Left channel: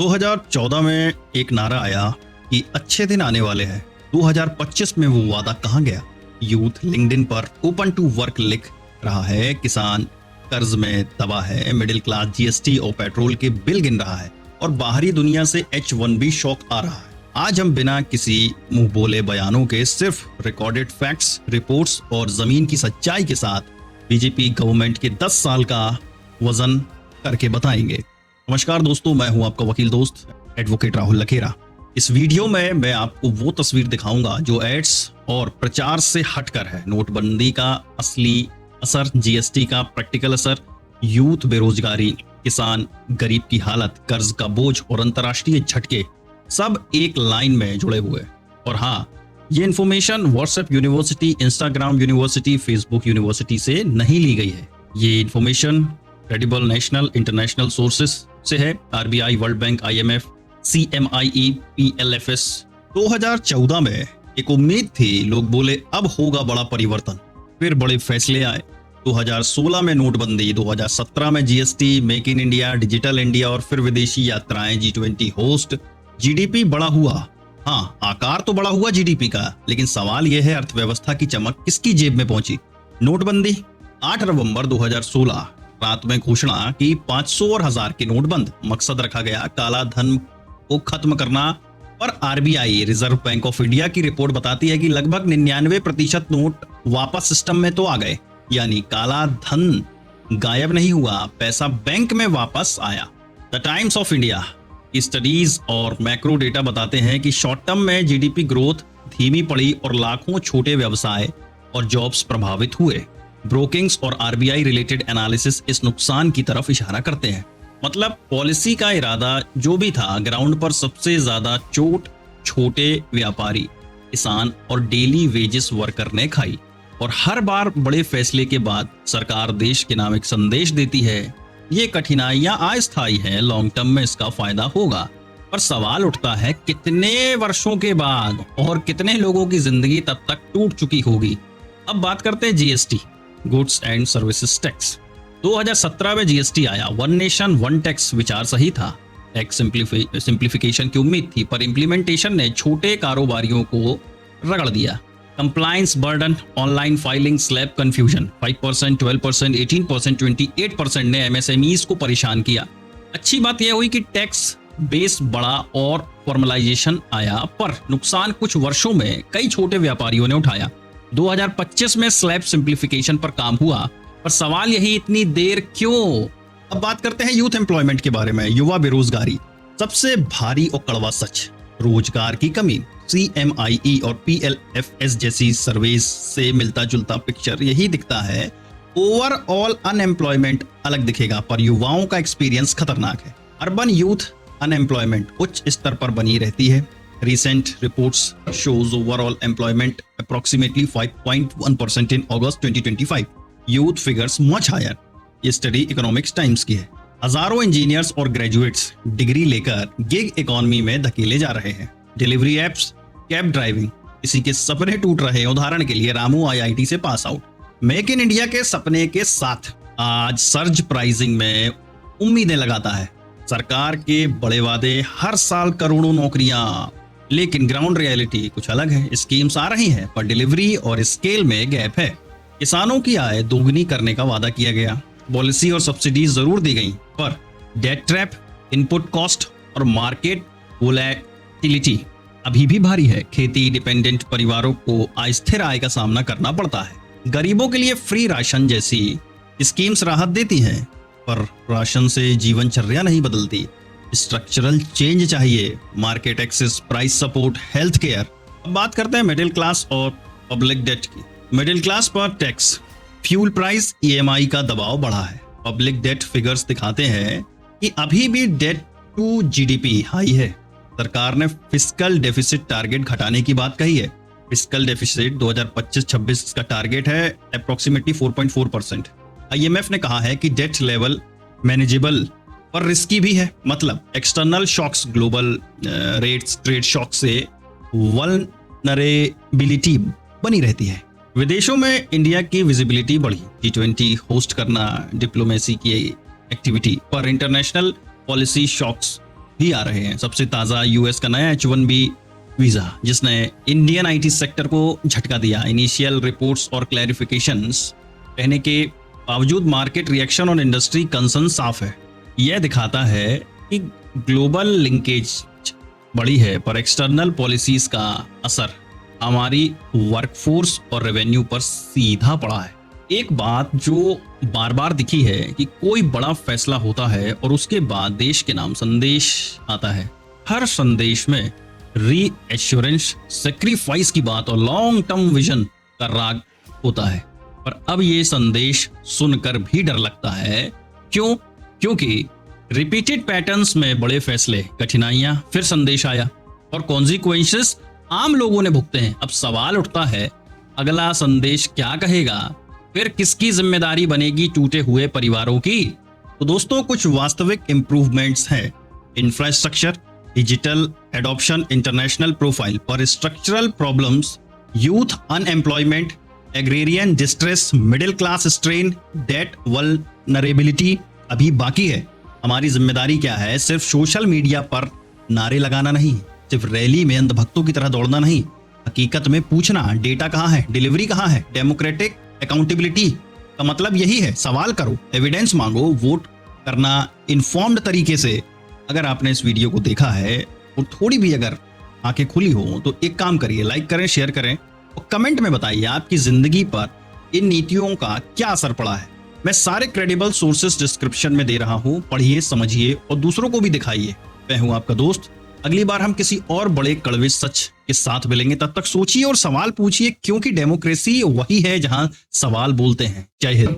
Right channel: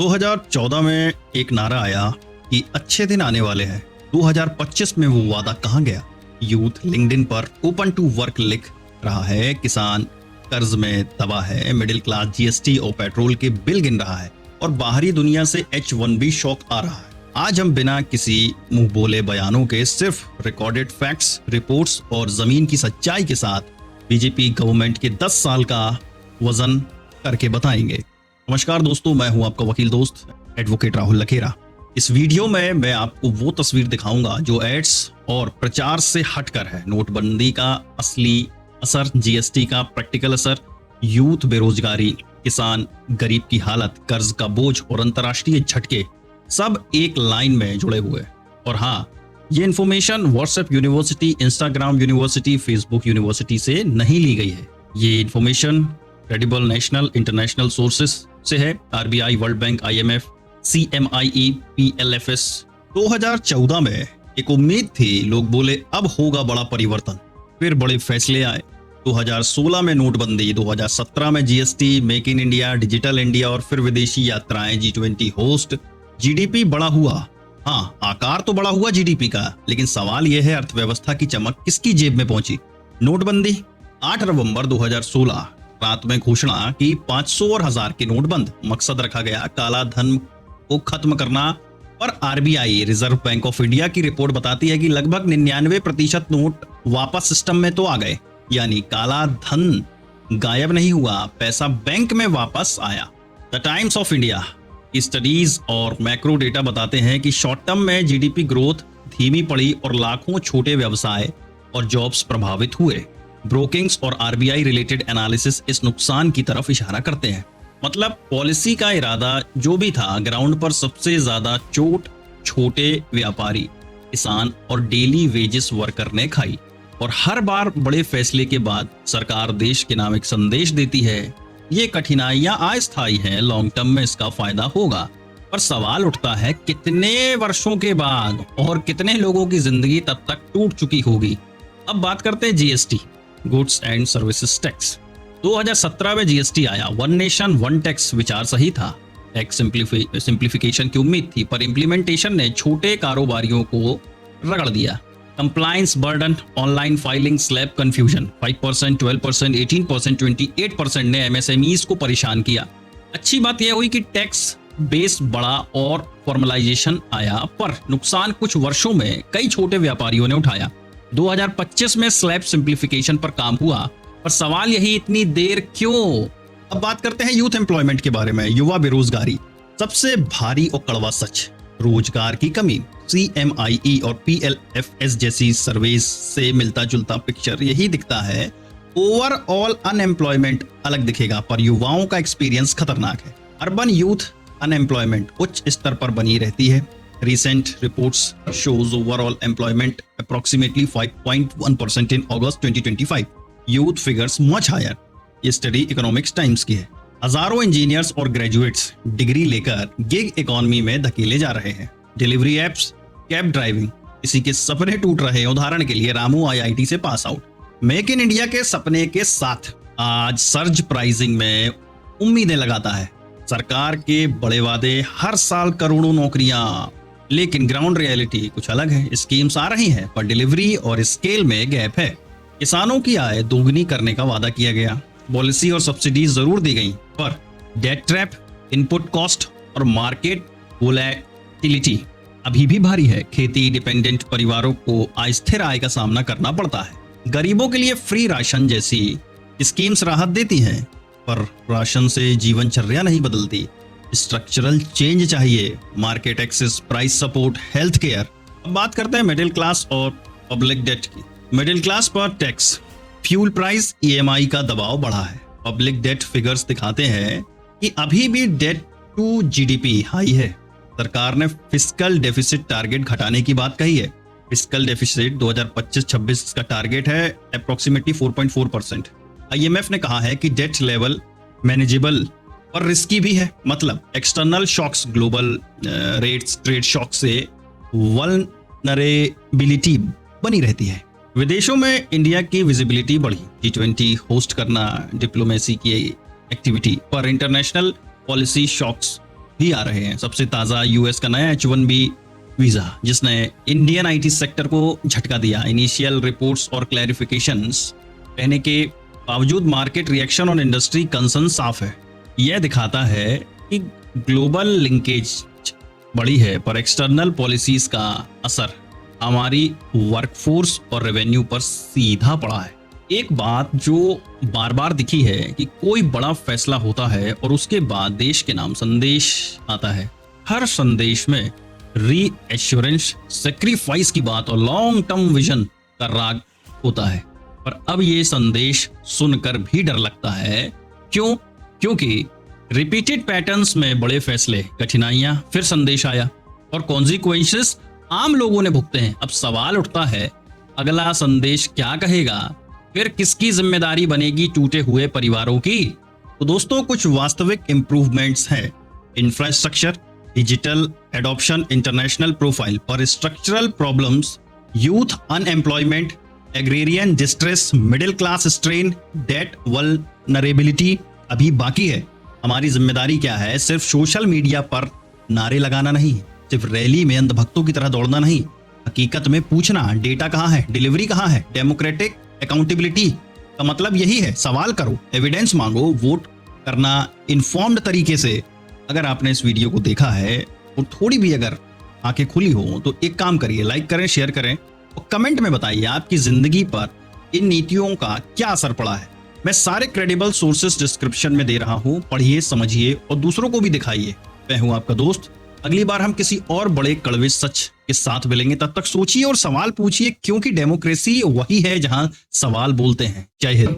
2014 में एक नारा आया कि अच्छे दिन आने वाले हैं। 2025 में वो वादा कहाँ गया? यूथ लिंक्डइन पर ओपन टू वर्क लिख रहा है, किसान कर्ज में दबा है, मिडिल क्लास जीएसटी और पेट्रोल के बिल गिन रहा है और बाहरी दुनिया से H1B शौक आ रहा है। आज हम बिना किसी मुंह बोले बयानों के, सिर्फ रिकॉर्डेड फैक्ट्स, रिपोर्ट्स और जमीन की सच्चाई के साथ बीजेपी गवर्नमेंट के 10 साल का वजन करके बताएंगे। नमस्कार दोस्तों, मैं हूं आपका वकील दोस्त एडवोकेट राहुल लखेरा। इस वीडियो में मैं आपको वो तस्वीर दिखाऊंगा जो एड्स और प्रचार से हटकर है। नोटबंदी का असली असर, जीएसटी का प्रैक्टिकल असर, यूथ बेरोजगारी, किसान गरीब की हालत, कर्ज का बोझ और अंतर्राष्ट्रीय झटके, सब एक लाइन में जुड़े हुए। और हाँ, ये information WhatsApp university, Instagram university, Facebook university से नहीं ली गई है। ये information credible national international sources से है। RBI, world bank, IMF, CMIE, PLFS। 2014 में एक उम्मीद थी, लोग बोले अब होगा बड़ा परिवर्तन, फिर बड़े फैसले आए। 2016 में नोटबंदी, 2017 में GST, make in India, digital India और फिर विदेशी यात्राएं, G20 होस्ट। जीडीपी बड़ा हुआ, हाँ आकार तो बड़ा हुआ जीडीपी का, लेकिन सवाल यह है अर्थव्यवस्था की चमक किसकी जेब में पहुंची? नोटबंदी 8 नवंबर 2016 रात में घोषणा की 500 और 1000 के नोट बंद। मकसद रखा गया काला धन को खत्म करना। पर RBI, reserve bank of India की रिपोर्ट बताती है कि लगभग 99% नोट वापस सिस्टम में तो आ गए, यानी काला धन गायब नहीं हुआ, पैसा बैंक में वापस आया। द टाइम्स ऑफ इंडिया की स्टडीज और मैक्रो डेटा बताते हैं कि शॉर्ट टर्म में जीडीपी ग्रोथ धीमी पड़ी और लाखों छोटे व्यवसाय और जॉब्स प्रभावित हुए। ब्रोकिंग्स और आरबीआई रिलेटेड एनालिसिस इस नुकसान की तरफ इशारा करते हैं। मतलब पॉलिसी का इरादा जो भी था, ग्राउंड पर सबसे ज्यादा चोट छोटे व्यापारी, किसान और डेली वेजेस वर्कर ने खाई। और हर बार बड़े फैसले के बाद सरकार देश के नाम एक संदेश देती है, ये कठिनाइयां अस्थायी है, लॉन्ग टर्म में इसका फायदा होगा। पर सवाल उठता है कितने वर्षों के बाद और कितने लोगों की जिंदगी तब तक टूट चुकी होगी। अब बात करते हैं GST, goods and services tax. 2017 में जीएसटी आया। वन नेशन वन टैक्स विचार सही था, टैक्स सिंप्लीफिकेशन की उम्मीद थी, पर इम्प्लीमेंटेशन ने छोटे कारोबारियों को रगड़ दिया। Compliance burden, online filing, slab confusion, 5%, 12%, 18%, 28% ने एमएसएमईज को परेशान किया। अच्छी बात यह हुई कि टैक्स बेस बढ़ा और फॉर्मलाइजेशन आया, पर नुकसान कुछ वर्षों में कई छोटे व्यापारियों ने उठाया। 2025 में स्लैब सिंप्लीफिकेशन पर काम हुआ, पर सवाल यही, इतनी देर क्यों? अब बात करते हैं यूथ एम्प्लॉयमेंट के बारे में। युवा बेरोजगारी सबसे भारी और कड़वा सच, रोजगार की कमी। CMIE और PLFS जैसी सर्वेस से मिलता जुलता पिक्चर यही दिखता है। ओवरऑल अनएम्प्लॉयमेंट अलग दिखेगा, पर युवाओं का एक्सपीरियंस खतरनाक है। अर्बन यूथ अनएम्प्लॉयमेंट उच्च स्तर पर बनी रहती है। Recent reports shows overall employment approximately 5.1% in August 2025. Youth figures much higher. ये स्टडी इकोनॉमिक्स टाइम्स की है। हजारों इंजीनियर्स और ग्रेजुएट्स डिग्री लेकर गिग इकोनॉमी में धकेले जा रहे हैं। डिलीवरी एप्स, कैब ड्राइविंग, किसी के सपने टूट रहे हैं। उदाहरण के लिए रामू IIT से pass out. Make in India के सपने के साथ आज सर्ज प्राइसिंग में उम्मीदें लगाता है। सरकार के बड़े वादे, हर साल करोड़ों नौकरियां, लेकिन ग्राउंड रियलिटी कुछ अलग है। स्कीम्स आ रही हैं, पर डिलीवरी और स्केल में गैप है। किसानों की आय दोगुनी करने का वादा किया गया, पॉलिसी और सब्सिडी जरूर दी गई, पर डेट ट्रैप, इनपुट कॉस्ट और मार्केट वोलेटिलिटी अभी भी भारी है। खेती डिपेंडेंट परिवारों को अस्थिर आय का सामना करना पड़ता है। गरीबों के लिए फ्री राशन जैसी स्कीम्स राहत देती है, पर राशन से जीवनचर्या नहीं बदलती। स्ट्रक्चरल चेंज चाहिए, market access, price support, health care. अब बात करते हैं मिडिल क्लास और पब्लिक डेट की। मिडिल क्लास पर टैक्स, फ्यूल प्राइस, EMI का दबाव बढ़ा है। पब्लिक डेट फिगर्स दिखाते हैं कि अभी भी डेट टू जीडीपी हाई है। सरकार ने फिस्कल डेफिसिट टारगेट घटाने की बात कही है। फिस्कल डेफिसिट 2025-26 का टारगेट है अप्रोक्सीमेटली 4.4%। IMF ने कहा है कि डेट लेवल मैनेजेबल पर रिस्की भी है। मतलब external shocks, global rates, trade shock से वल्नरेबिलिटी बनी रहती है। विदेशों में इंडिया की विजिबिलिटी बढ़ी, G20 होस्ट करना, डिप्लोमेसी की एक्टिविटी, पर इंटरनेशनल पॉलिसी शॉक्स भी आ रहे हैं। सबसे ताजा यूएस का नया H1B वीजा, जिसने इंडियन आईटी सेक्टर को झटका दिया। इनिशियल रिपोर्ट्स और क्लैरिफिकेशंस रहने के बावजूद मार्केट रिएक्शन और इंडस्ट्री कंसर्न साफ है। यह दिखाता है कि ग्लोबल लिंकेज बड़ी है, पर एक्सटर्नल पॉलिसीज का असर हमारी वर्कफोर्स और रेवेन्यू पर सीधा पड़ा है। एक बात जो बार बार दिखी है कि कोई बड़ा फैसला होता है और उसके बाद देश के नाम संदेश आता है। हर संदेश में रीएश्योरेंस, सेक्रीफाइस की बात और लॉन्ग टर्म विजन का राग होता है। पर अब ये संदेश सुनकर भी डर लगता है। क्यों? क्योंकि रिपीटेड पैटर्न्स में बड़े फैसले, कठिनाइयां, फिर संदेश आया और कॉन्सिक्वेंसेस आम लोगों ने भुगते हैं। अब सवाल उठता है, अगला संदेश क्या कहेगा? फिर किसकी जिम्मेदारी बनेगी टूटे हुए परिवारों की? तो दोस्तों, कुछ वास्तविक इंप्रूवमेंट्स हैं। Infrastructure, digital adoption, international profile और structural problems, youth unemployment, agrarian distress, middle class strain, debt vulnerability अभी बाकी है। हमारी जिम्मेदारी क्या है? सिर्फ सोशल मीडिया पर नारे लगाना नहीं, सिर्फ रैली में अंधभक्तों की तरह दौड़ना नहीं, हकीकत में पूछना, डेटा कहाँ है, डिलीवरी कहाँ है। डेमोक्रेटिक अकाउंटेबिलिटी का मतलब यही है, सवाल करो, एविडेंस मांगो, वोट करना इन्फॉर्म्ड तरीके से। अगर आपने इस वीडियो को देखा है और थोड़ी भी अगर आंखें खुली हो तो एक काम करिए, लाइक करें, शेयर करें और कमेंट में बताइए आपकी जिंदगी पर इन नीतियों का क्या असर पड़ा है। मैं सारे क्रेडिबल सोर्सेस डिस्क्रिप्शन में दे रहा हूँ, पढ़िए, समझिए और दूसरों को भी दिखाइए। मैं हूँ आपका दोस्त। अगली बार हम किसी और बड़े कड़वे सच के साथ मिलेंगे। तब तक सोचिए और सवाल पूछिए, क्योंकि डेमोक्रेसी वही है जहां सवाल बोलते हैं। जय हिंद।